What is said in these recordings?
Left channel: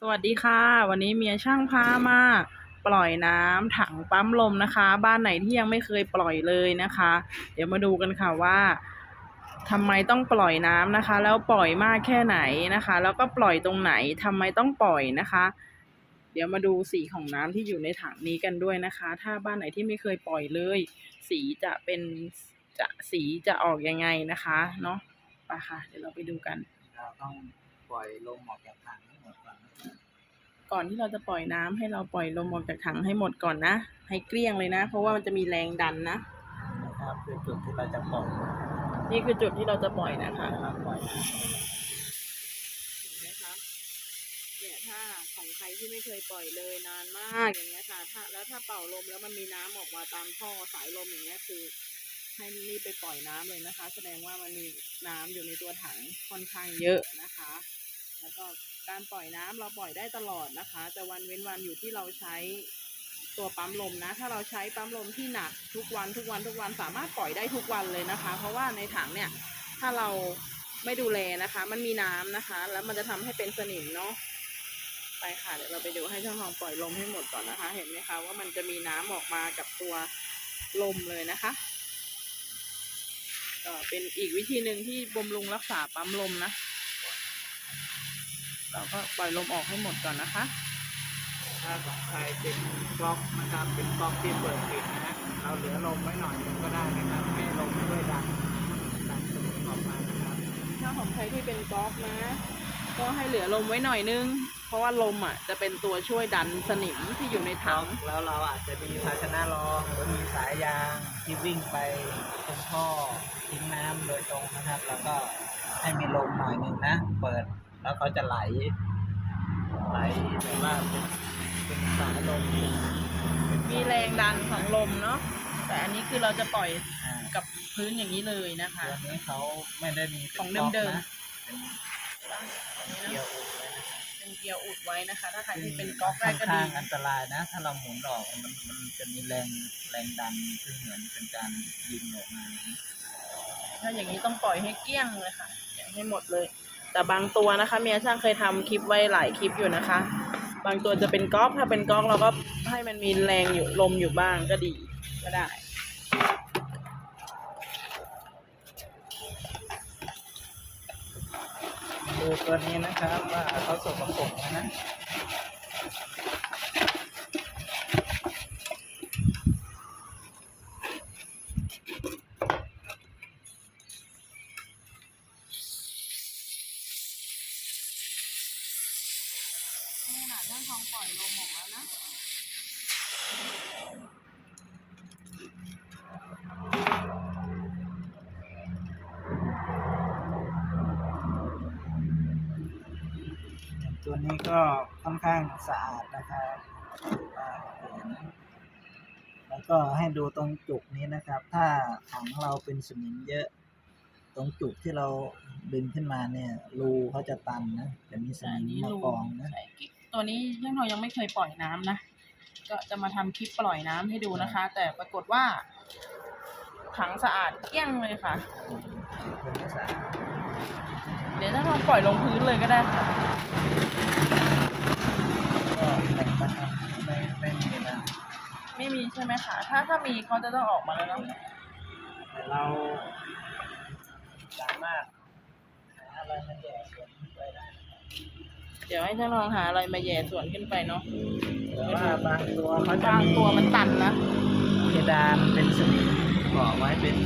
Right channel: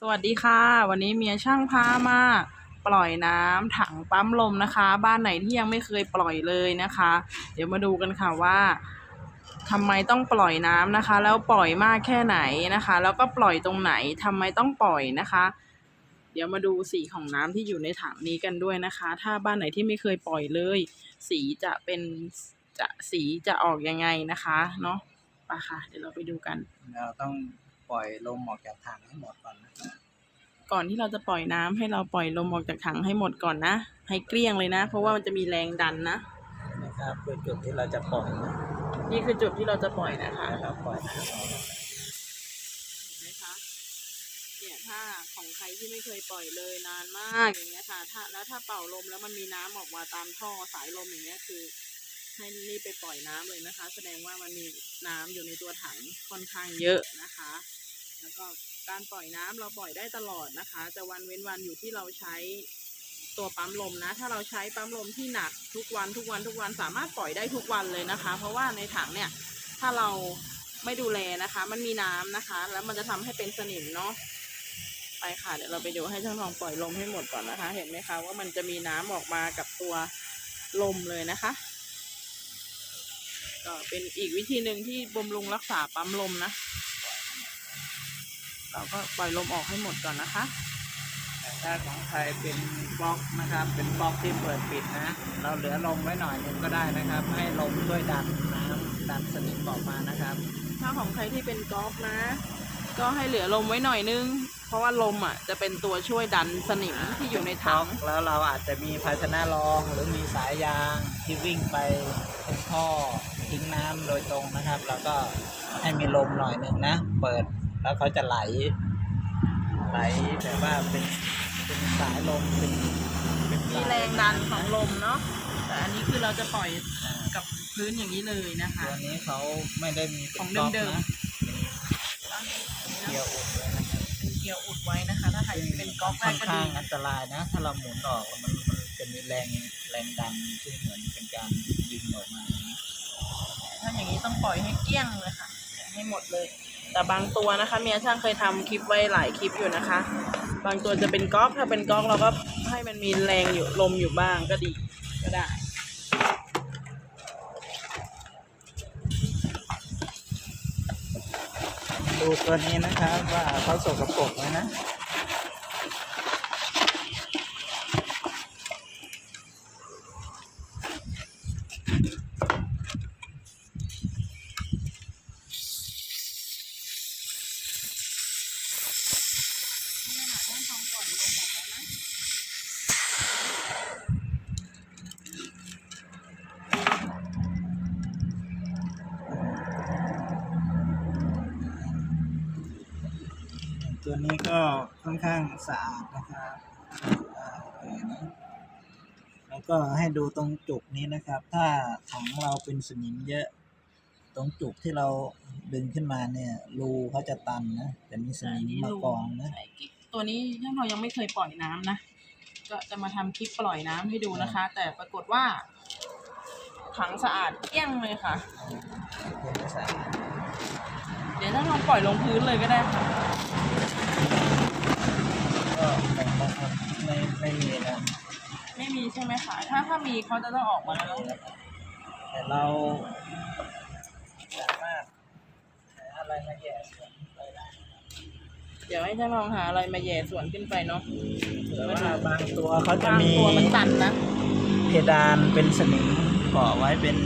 สวัสดีค่ะ วันนี้เมียช่างพามาปล่อยน้ำถังปั๊มลมนะคะ บ้านไหนที่ยังไม่เคยปล่อยเลยนะคะ เดี๋ยวมาดูกันค่ะว่าทำไมต้องปล่อยน้ำนะคะ แล้วปล่อยมากแค่ไหนนะคะ แล้วก็ปล่อยตรงไหนทำไมต้องปล่อยนะคะ เดี๋ยวมาดูสีของน้ำที่อยู่ในถังนี้กันด้วยนะคะ ถ้าบ้านไหนที่ไม่เคยปล่อยเลย สีจะเป็นจะสีจะออกยังไงนะคะเนาะไปค่ะ เดี๋ยวเราไปดูกันเราต้อง ปล่อยลมออกจากถังให้หมดก่อนนะครับก่อนที่เราจะปล่อยน้ำให้เราปล่อยลมออกจากถังให้หมดก่อนนะ ให้เกลี้ยงเลยนะ เพราะว่ามันจะมีแรงดันนะนะครับคือจุดที่เราจะปล่อยนะนี่คือจุดที่เราจะปล่อยนะคะแล้วเราปล่อยน้ำออกเห็นไหมคะเนี่ยถ้าของใครที่ไม่เคยปล่อยเลยนานมากอย่างเงี้ยค่ะ ถ้าแล้วถ้าเป่าลมแล้วมันมีน้ำออกมาตามท่อสายลมอย่างเงี้ยคือ ให้รีบไปปล่อยน้ำเลยนะคะ แสดงว่ามันมีน้ำอยู่ในตัวถังค่อนข้างเยอะนะคะ แล้วก็การปล่อยน้ำเราปล่อยได้ตลอดนะคะ แต่วันเว้นวันอยู่ที่เราใช้ตัวปั๊มลมนะ ถ้าเราใช้ปั๊มลมที่หนักทุกวันทุกวันทุกวันสามารถปล่อยได้ทุกวันเลยนะคะ เพราะว่าในถังเนี่ยถ้าเราไม่ดูแลนะคะ มันมีน้ำนะคะ แล้วมันจะทำให้เป็นสนิมเนาะไปค่ะเดี๋ยวเราไปดูให้ช่างทองปล่อยลมให้หมดก่อนนะคะ เห็นไหมคะว่ามันจะมีน้ำออกมากับตัวลมเลยนะคะ ก็เป็นอีกวิธีหนึ่งที่บำรุงรักษาปั๊มลมนะ เราก็ปล่อยลมออกให้หมดก่อนนะคะ ถ้าของใครเป็นบล็อกนะครับ เป็นบล็อกที่เปิดปิดนะ เราเหลือลมไว้หน่อยหนึงก็ได้นะครับ ให้ลมช่วยดันนะครับดันสนิมออกมานะครับ ถ้าของใครที่เป็นกอล์ฟนะ ก็ให้เหลือลมไว้หน่อยนึง เพราะว่าลมอะจะเป็นตัวช่วยดันสนิมที่อยู่ในถัง แล้วเราอาจจะมีภาชนะรองหรือมีสายยางที่วิ่งไปตรงท่อทิ้งน้ำโดยตรงนะครับ แล้วก็ให้มีลมหน่อยหนึ่งนะ เปิด แล้วเขาจะไหล ไหลแบบว่าเป็นเป็นสายลมเป็นเป็นมีแรงดันของลมเนาะแต่อันนี้คือเราจะปล่อยอ่ากับพื้นอย่างนี้เลยนะคะ ตัวนี้เขาไม่ได้มีป็นของบล็กเดิมๆนะเป็นเกียร์อุ่นเลยนะครับเป็นเกียร์อุดไว้นะคะ ถ้าใครที่เป็นกอล์ฟแรค่อกนก็ข้าดีงอันตรายนะ ถ้าเราหมุนออกมันมันจะมีแรงแรงดันซึ่งเหมือนเป็นการยิงออกมานะถ้าอย่างนี้ต้องปล่อยให้เกลี้ยงเลยค่ะปล่อยให้หมดเลย แต่บางตัวนะคะเมียช่างเคยทำคลิปไว้หลายคลิปอยู่นะคะ บางตัวจะเป็นก๊อกถ้าเป็นก๊อกเราก็ให้มันมีแรงอยู่ลมอยู่บ้างก็ดีก็ได้ดูตัวนี้นะคะว่าเขาสกปรกไหมนะฮะนาดท่านทองปล่อยลมออกแล้วนะ ตัวนี้ก็ค่อนข้างสะอาดนะครับอ่าโอเคนะแล้วก็ให้ดูตรงจุกนี้นะครับ ถ้าถังเราเป็นสนิมเยอะ ตรงจุกที่เราดึงขึ้นมาเนี่ย รูเขาจะตันนะจะมีสแต่อันนิมนี้มารูกองนะใส่กิ๊กตัวนี้ท่านทองยังไม่เคยปล่อยน้ำนะก็จะมาทำคลิปปล่อยน้ำให้ดูนะคะ แต่ปรากฏว่า ถังสะอาดเกลี้ยงเลยค่ะเป็นไม่สะอาดเดี๋ยวท่านทองปล่อยลงพื้นเลยก็ได้ค่ะ ก็หมดนะครับไม่ไม่มีนะไม่มีใช่ไหมคะ ถ้าถ้ามีเขาจะต้องออกมาแล้วเนาะแต่เราสามารถหาอะไรมาแย่สวนไปได้นะครับเดี๋ยวให้ท่านทองหาอะไรมาแหย่สวนขึ้นไปเนาะหรือว่าบางตัวเขาจะบางมีตัวมันตันนะ เพดานเป็นสนิมเกาะไว้เป็น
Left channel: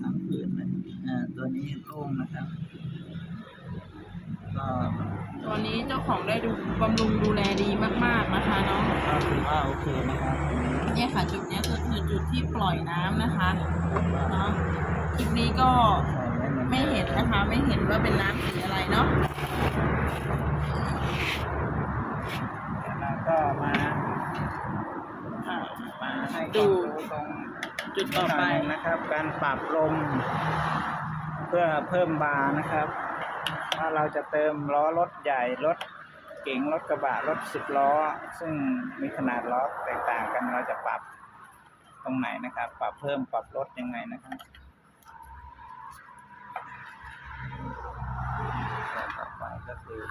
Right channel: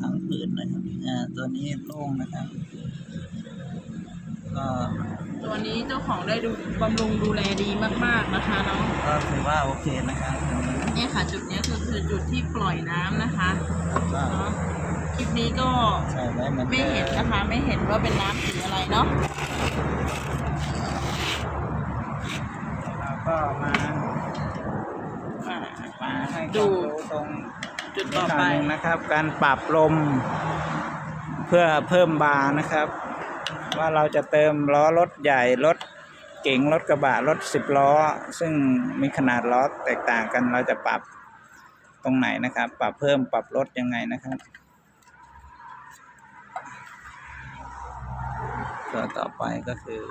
ผังผืดนะครับอ่าตัวนี้โล่งนะครับ ก็ตัวนี้เจ้าของได้ดูบำรุงดูแลดีมาก ๆนะคะเนาะก็ถือว่าโอเคนะครับตรงนี้เนี่ยค่ะจุดเนี้ยคือคือจุดที่ปล่อยน้ำนะคะว่าเนาะคลิปนี้ก็ใส่ไว้มันไม่เห็นนะคะ ไม่เห็นว่าเป็นน้ำสีอะไรเนาะแล้วเราก็มาอ่า มาให้ดู ความรู้ตรงจุดต่อไปนิดหน่ยหนึ่งนะครับ การปรับลม เพื่อเพิ่มบางนะครับ ว่าเราจะเติมล้อรถใหญ่รถเก๋งรถกระบะรถสิบล้อ ซึ่งมีขนาดล้อแตกต่างกันเราจะปรับตรงไหนนะครับ ปรับเพิ่มปรับลดยังไงนะครับตัวต่อไปก็คือ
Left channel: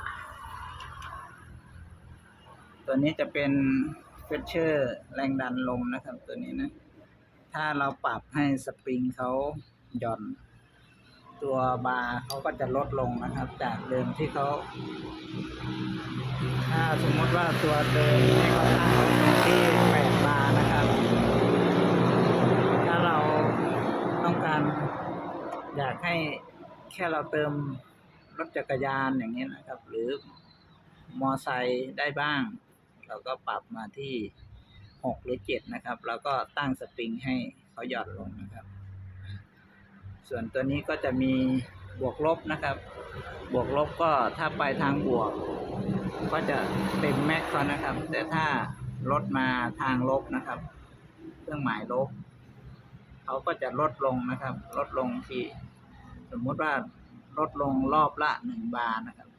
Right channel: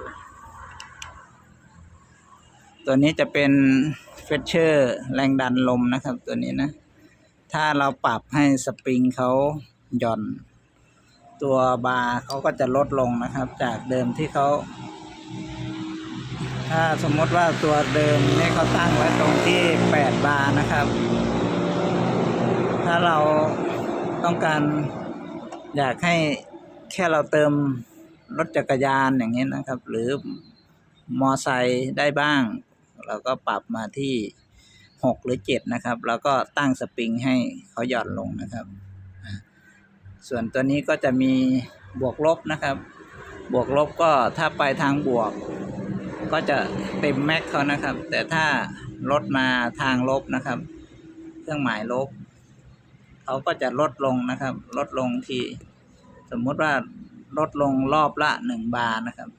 ตัวนี้จะเป็นเฟชเชอร์แรงดันลมนะครับตัวนี้นะ ถ้าเราปรับให้สปริงเขาหย่อน ตัวบาร์เขาก็จะลดลงนะครับ จากเดิมที่เขาถ้าสมมติว่าตัวเดิมให้เขาตั้งไว้ตรงที่ 8 บาร์นะครับ ถ้าเราต้องการอยากให้แค่เราเติมรถจักรยานอย่างนี้นะครับ หรือมอไซค์ได้บ้าง เราก็ปรับมาที่ 6 หรือ 7 นะครับ แล้วก็ตั้งสปริงให้เขาหย่อนลงนะครับ ส่วนตัวนี้ก็จะมีบวกลบนะครับ บวกลบก็ถ้าไปทางบวก ก็จะเต็มแม็กเขานะครับ แต่ถ้ารถมาทางลบนะครับ เครื่องหมายลบเขาก็จะลดลงนะครับ ลดลงที่สมมุติว่าลดลงรอบละหนึ่งบาร์นะครับ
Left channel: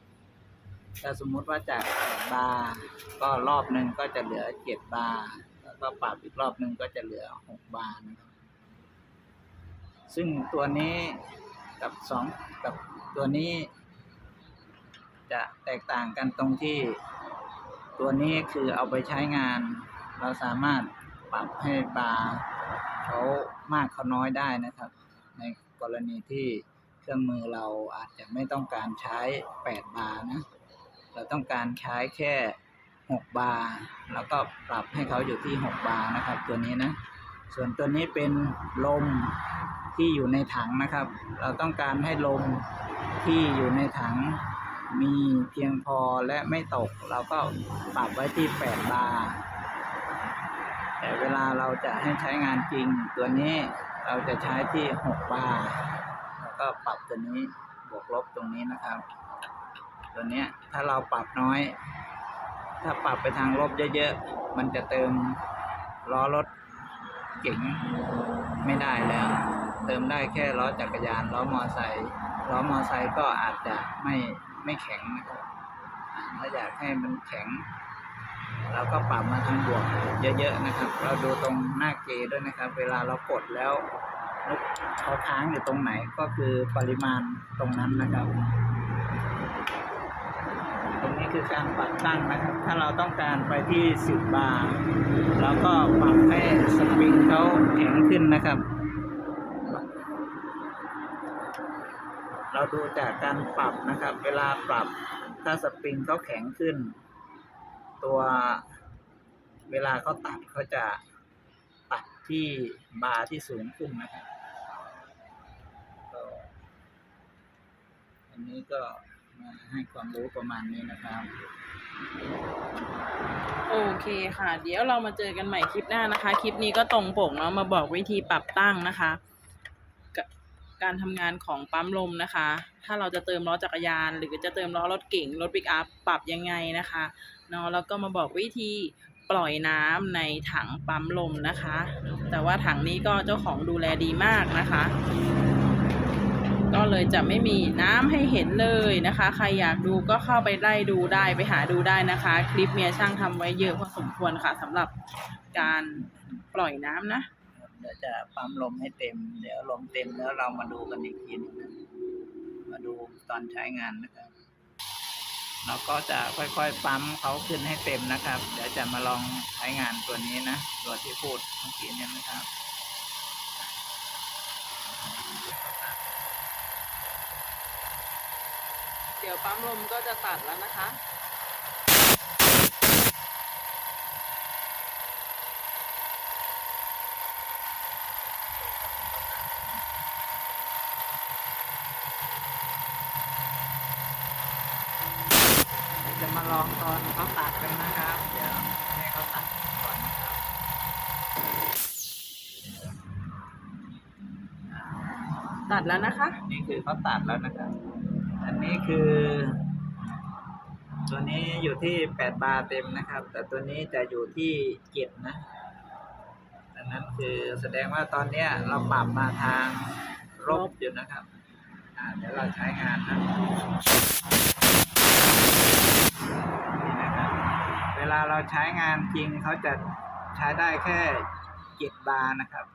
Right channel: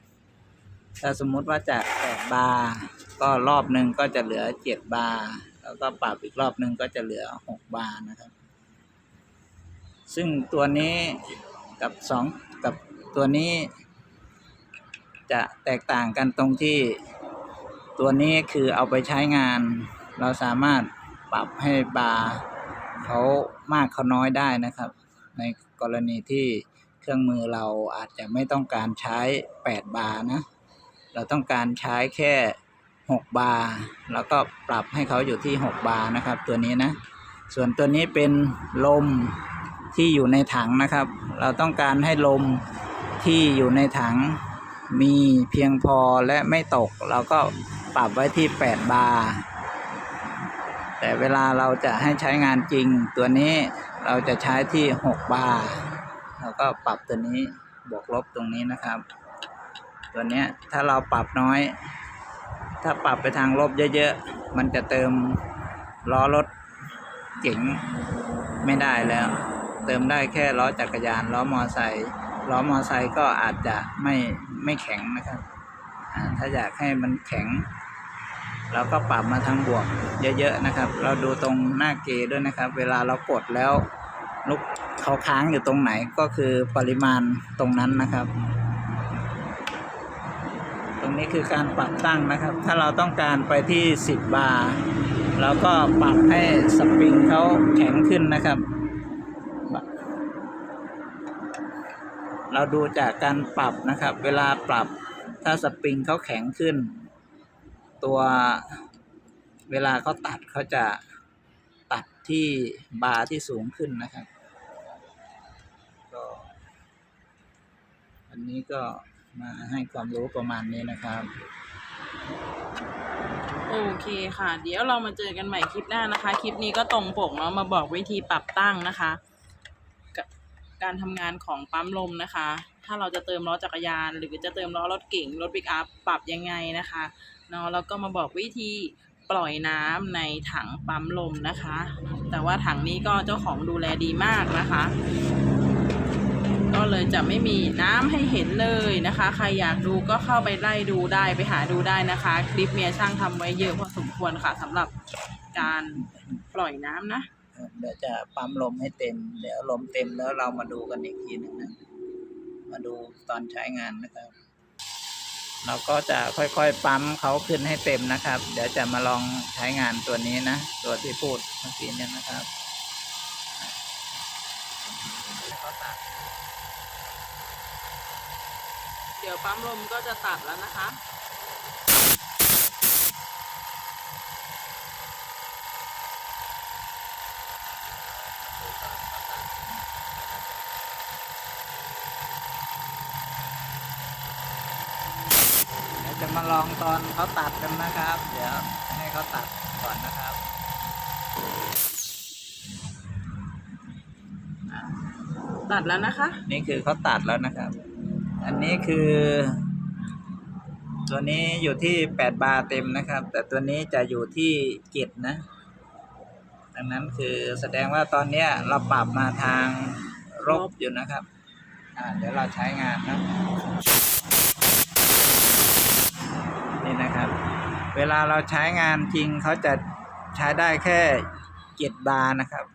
ถ้าสมมุติว่าจากแปดบาร์ก็รอบหนึ่งก็จะเหลือเจ็ดบาร์แล้วก็ปรับอีกรอบหนึ่งก็จะเหลือหกบาร์นะครับ ซึ่งตัวนี้กับสองกับตัวนี้ จะแตกต่างกันตรงที่ ตัวนี้คือเอาไปใช้งาน เราสามารถปรับให้บาร์เขามากเขาน้อยได้นะครับ ในกรณีที่เครื่องมือเราอาจจะไม่ต้องการใช้ 8 บาร์นะ เราต้องการใช้แค่ 6 บาร์แล้วก็ปรับให้เขาอยู่ที่ 6 บาร์นะครับ ตัวนี้นะ ส่วนตัวนี้เป็นลม ที่อยู่ในถังนะครับ เราต้องการให้ลมที่อยู่ในถังมีเพียงพอและไม่ตก เราก็ปรับไว้ที่ 8 บาร์แต่เวลาเราจะให้ใช้งานจริง ตัวนี้เราจะใช้ที่ 6 บาร์เราก็ปรับตัวนี้บวกลบตรงนี้นะครับ ตัวนี้ถ้าเราปรับน้อย ถ้าปรับไปทางลบเยอะๆ มันจะเติมล้อรถเก๋งไม่ได้แล้ว เติมได้แค่ล้อจักรยานล้อมอไซค์ล้อมอไซค์ก็อาจจะไม่ไม่แข็งนะครับ ถ้าอยากให้มันแข็ง เราก็ปรับมาทางบวกเยอะๆนะครับ เราดูตรงหน้าเกด้วยนะครับ เวลาเรากดแล้วลูกเขาค้างอยู่ตรงไหนก็คือปริมาณตรงนั้นนะครับ ตรงนี้คือการปรับตั้งนะครับ ถ้าเราต้องการไปที่ 10 บาร์เราก็ปรับให้สปริงเขาแข็งขึ้นนะครับ เราดูจากการปรับนะครับ เวลาปรับถ้าสปริงเขาแข็งขึ้น ตัวเวลาเขาตัดเขาจะตัดที่บาร์ที่สูงขึ้นนะครับก็อันนี้ก็มาให้ความรู้ประมาณนี้นะครับ โอเคค่ะ เดี๋ยวเรามาเจอกันใหม่คลิปหน้านะคะ คลิปนี้ก็ตรงปกเนาะมาบอกวิธีปรับตั้งนะคะกะ การทำงานของปั๊มลมนะคะ ถ้าเราจะเติมล้อจักรยาน หรือจะเติมล้อรถเก๋งรถปิกอัพปรับยังไงนะคะเนาะแล้วก็มาบอกวิธีปล่อยน้ำในถังปั๊มลมนะคะ แต่ว่าถังนี้ก็เจ้าของดูแลดีมากนะคะ ก็เลยจะไม่มีน้ำให้เห็นเลยนะคะ ใครอยากดูก็เข้าไปไล่ดูได้ไปหาดูได้นะคะ คลิปเมียช่างทำไว้เยอะพอสมควรค่ะสำหรับการปล่อยน้ำนะ เดี๋ยวจะปั๊มลมให้เต็ม เดี๋ยวลมเต็มแล้วเรามาดูกันอีกทีหนึงนะ มาดูตอนใช้งานนะครับ เราก็จะค่อยๆปั๊มเขาขึ้นให้เต็มนะครับ เดี๋ยวจะมาลองใช้งานตัวนี้นะ ตัวที่พูดเมื่อกี้นี้นะครับเดี๋ยวปั๊มลมก็จะตัดแล้วนะคะ เดี๋ยวจะ มาลองตอนเขาตัดกันนะครับเดี๋ยวให้เขาตัดก่อนนะครับตัดแล้วนะคะ นี่คือเขาตัดแล้วนะครับ อันนี้คือ ตัวนี้อยู่ที่แปดบาร์เต็มนะครับ แต่ตัวนี้จะอยู่ที่เจ็ดนะ ดังนั้นคือแสดงว่าตอนเนี้ยเราปรับมาทางลบอยู่นะครับ อ่าเดี๋ยวเราใช้งานนะ นี่นะครับ เวลาเราใช้งานจริงเขาจะใช้ได้แค่เจ็ดบาร์นะครับ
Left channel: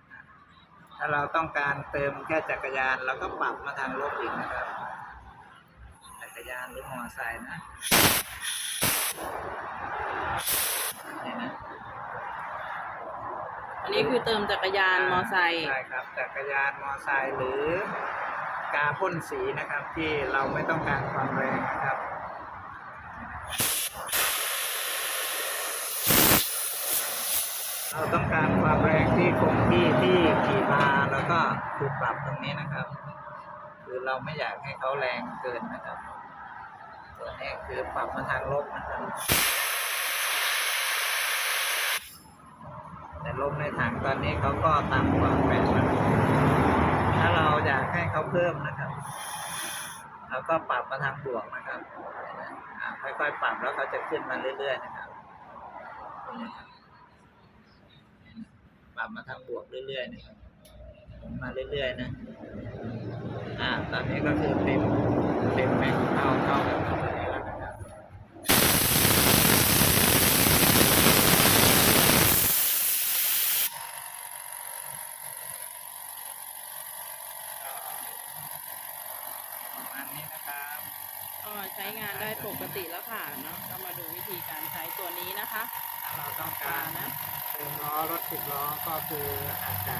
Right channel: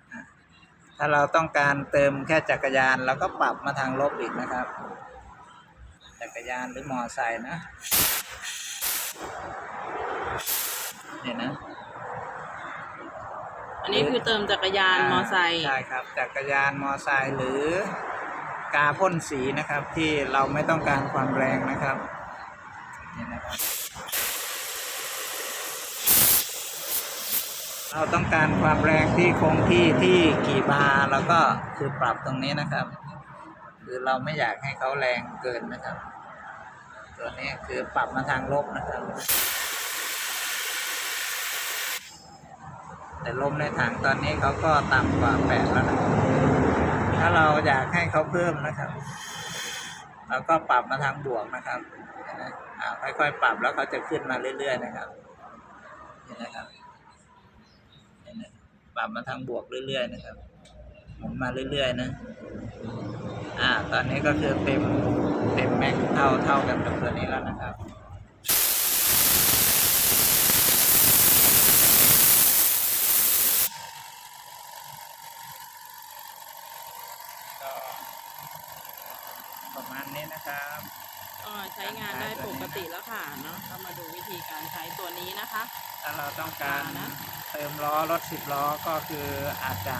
ถ้าเราต้องการเติมแค่จักรยานเราก็ปรับมาทางลบอีกนะครับ จักรยานหรือมอไซค์นะเนี่ยนะอันนี้คือเติมจักรยานมอไซค์ใช่ครับ จักรยานมอไซค์หรือกาพ่นสีนะครับที่เราไม่ต้องการความแรงนะครับ เราต้องการความแรงที่คงที่ที่กี่บาร์แล้วก็คือปรับตรงนี้นะครับ คือเราไม่อยากให้เขาแรงเกินนะครับ ตัวนี้คือปรับมาทางลบนะครับ แต่ลมในถังตอนนี้เขาก็ต่ำกว่าแปดแล้วถ้าเราอยากให้เขาเพิ่มนะครับเราก็ปรับมาทางบวกนะครับค่อยๆปรับแล้วเขาจะขึ้นมาเรื่อย ๆ นะครับเห็นไหมครับ ปรับมาทางบวกเรื่อยๆนะครับหมุนมาเรื่อยๆนะอ่าตอนนี้ก็คือเต็มเต็มแม็กเท่าเท่ากับตัวนี้แล้วนะครับ ก็ประมาณนี้นะครับ ก็ใช้งานได้ ปกติแล้วค่ะเนาะก็มาดูวิธีการใช้ตัวนี้นะคะถ้าเราต้องปกาลารนะ เติมล้อรถสิบล้อก็คืออาจจะ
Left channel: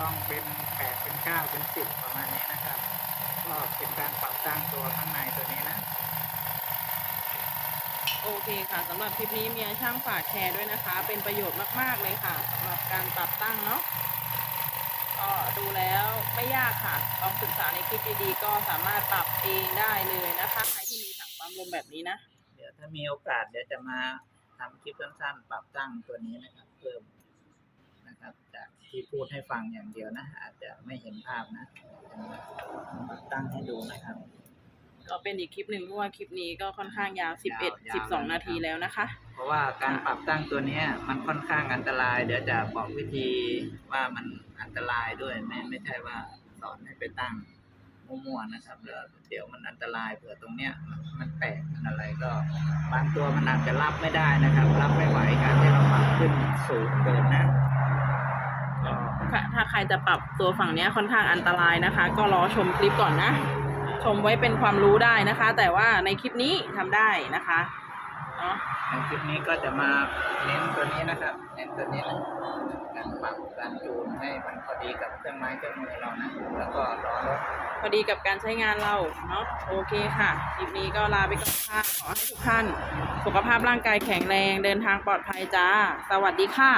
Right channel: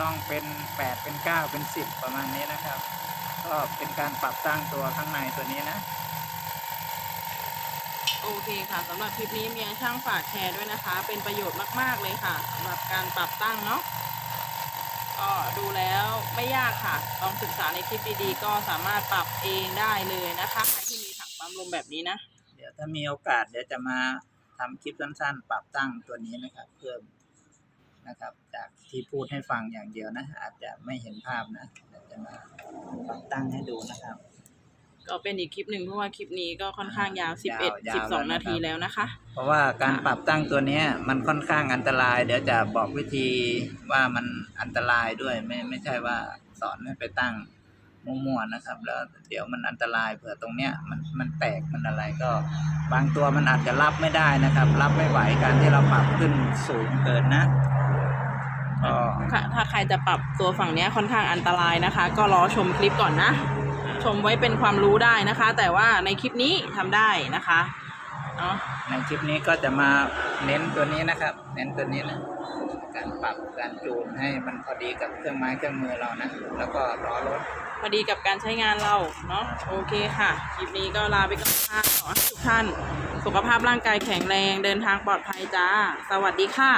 ต้องเป็นแปดเป็นเก้าเป็นสิบประมาณนี้นะครับ ก็เป็นการปรับตั้งตัวข้างในตัวนี้นะโอเคค่ะสำหรับคลิปนี้เมียช่างฝากแชร์ด้วยนะคะ เป็นประโยชน์มาก ๆ เลยค่ะสำหรับการปรับตั้งเนาะก็ดูแล้วไม่ยากค่ะ ลองศึกษาในคลิปดีๆก็สามารถปรับเองได้เลยนะคะใครที่มีถัง ปั๊มลมแบบนี้นะ เดี๋ยวถ้ามีโอกาสเดี๋ยวจะมาทำคลิปสั้นๆ ปรับตั้งตัวนี้นะครับ เพิ่มนะครับ จากที่พูดให้ฟังอย่างเดียวนะ อาจจะไม่เห็นภาพนะเดี๋ยวจะมาปรับตั้งให้ดูนะครับ ก็เป็นอีกคลิปหนึ่งเพราะว่าคลิปนี้ก็ค่อนข้างยาวยาว11 12 นาทีแล้วนะคะ เพราะว่าการค่ะปรับตั้งตัวเนี้ยมันค่อนข้างอันตราย เดี๋ยวจะบอกวิธีว่ามันอันตรายด้วยไม่ไม่ใช่ว่าสอนให้ไปตั้ง มั่วๆนะครับ แล้วเดี๋ยวมันอันตรายเผื่อตรงเนี้ยมันมันแตกมันอะไรก็ บางตัวมันอาจจะรับไม่ได้นะครับ รับไม่ไหวการที่เราปรับขึ้นสูงเกินนะก็ค่ะถ้าใครจะปรับตัวฝั่งเนี้ยค่อนข้างอันตรายนะคะ ก็รอชมคลิปก่อนนะ ชมไว้เป็นความรู้ได้นะคะ แต่ว่าในคลิปนี้ทำได้นะคะเนาะในคลิปนี้ก็จะมาเน้นตัวนี้นะครับ เน้นตัวนี้นะ การปรับการจูนให้มันพอดีกับเครื่องไม้เครื่องมือเรานะ แล้วก็ล้อรถ พอดีกับการใช้งานเราเนาะโอเคค่ะ คลิปนี้ก็ลาไปก่อนค่ะขอให้ทุกท่าน สุขภาพร่างกายแข็งแรงเดินทางปลอดภัยจ้า สวัสดีค่ะ